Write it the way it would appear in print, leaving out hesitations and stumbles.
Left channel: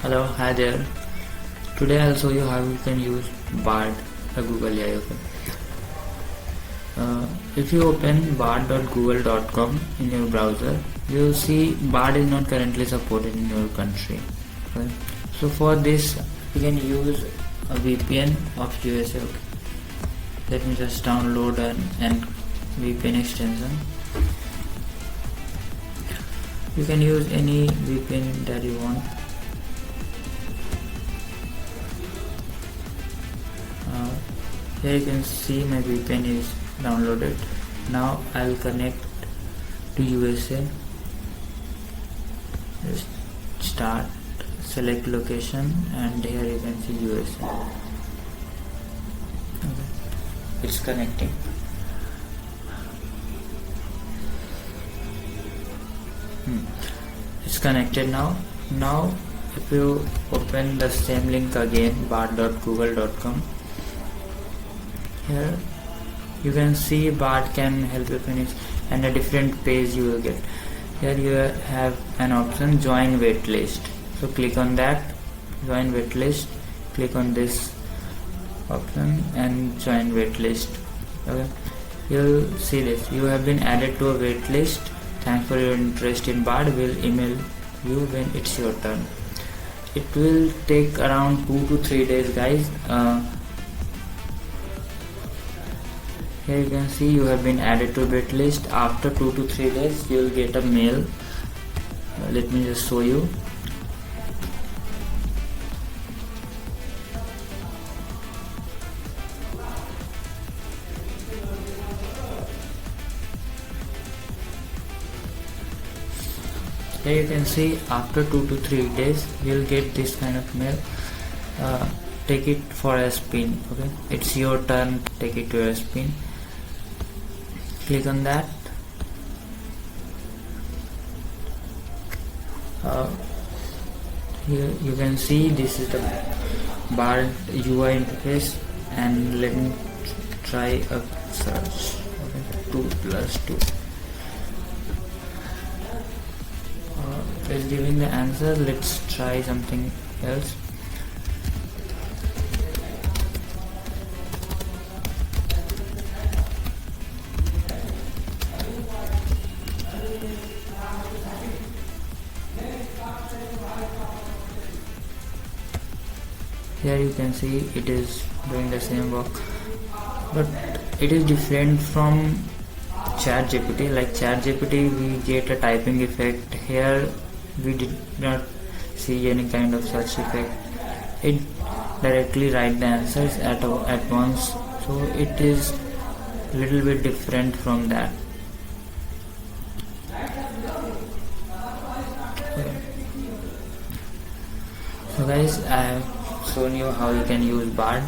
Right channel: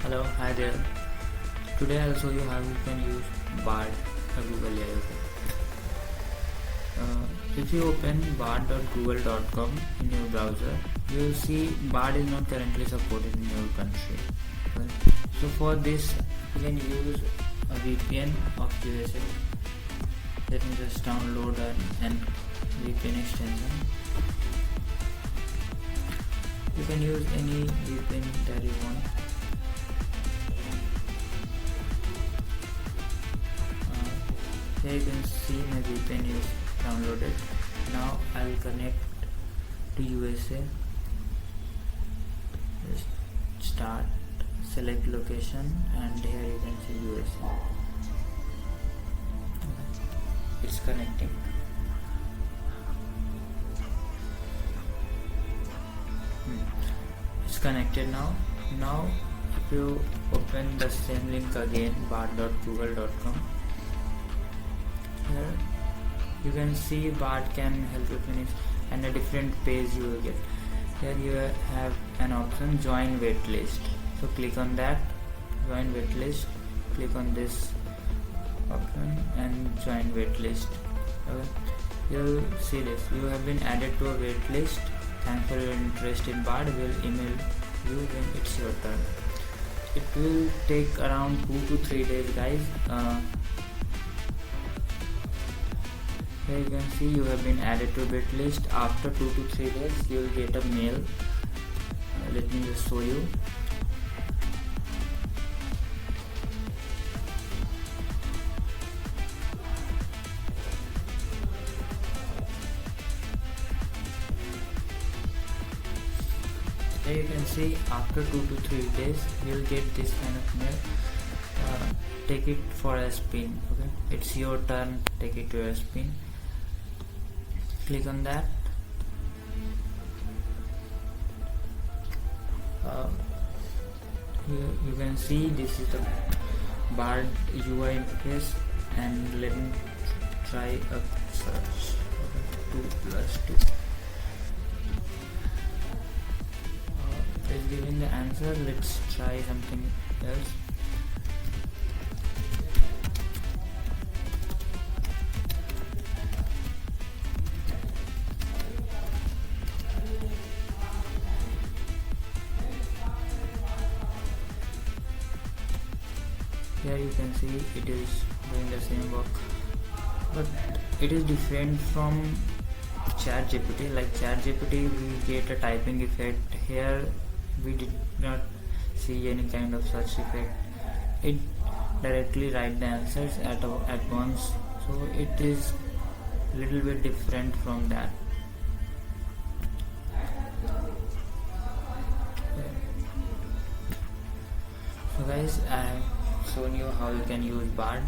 Hello, hi there. Today I'll show you how you can use Bard, a Google AI. Okay. If you open bard.google.com in your browser, you'll see Bard is not currently supported in your country. Okay. So for this, you can use a VPN of USA. Okay. Let me just download an VPN extension. You can use any VPN that you want. Here you can see my VPN is downloaded. Now I'll connect to USA. Just start, select location, and here you can see USA. Okay. It's connecting. It's connected now. Now if you open the same link again, bard.google.com, here you can see Bard can help you finish, and a different page you will get. Here you have an option, join waitlist. So click on that, join waitlist. Click on this option and join waitlist. Okay, you'll see this. You have been added to a waitlist. Thanks for your interest in Bard. We'll email you when it's your turn. It will take around 2 to 3 days, guys. Here you can see you have been added to waitlist. After 2 to 3 days, you will get a mail. Let me just show you. Here you can see after 2 to 3 days, you will get this kind of mail. Take it for a spin. Okay, it's your turn. Take it to a spin. Click on that. Here you can see this is the Bard UI interface, and let me try a search. Okay, 2 plus 2. It's giving the answer. Let's try something else. Here you can see it is doing the same work, but it is different from ChatGPT. Like ChatGPT, we get a typing effect. Here we did not see any kind of such effect. It directly write the answers at once, so it is little bit different from that. So guys, I have shown you how you can use Bard.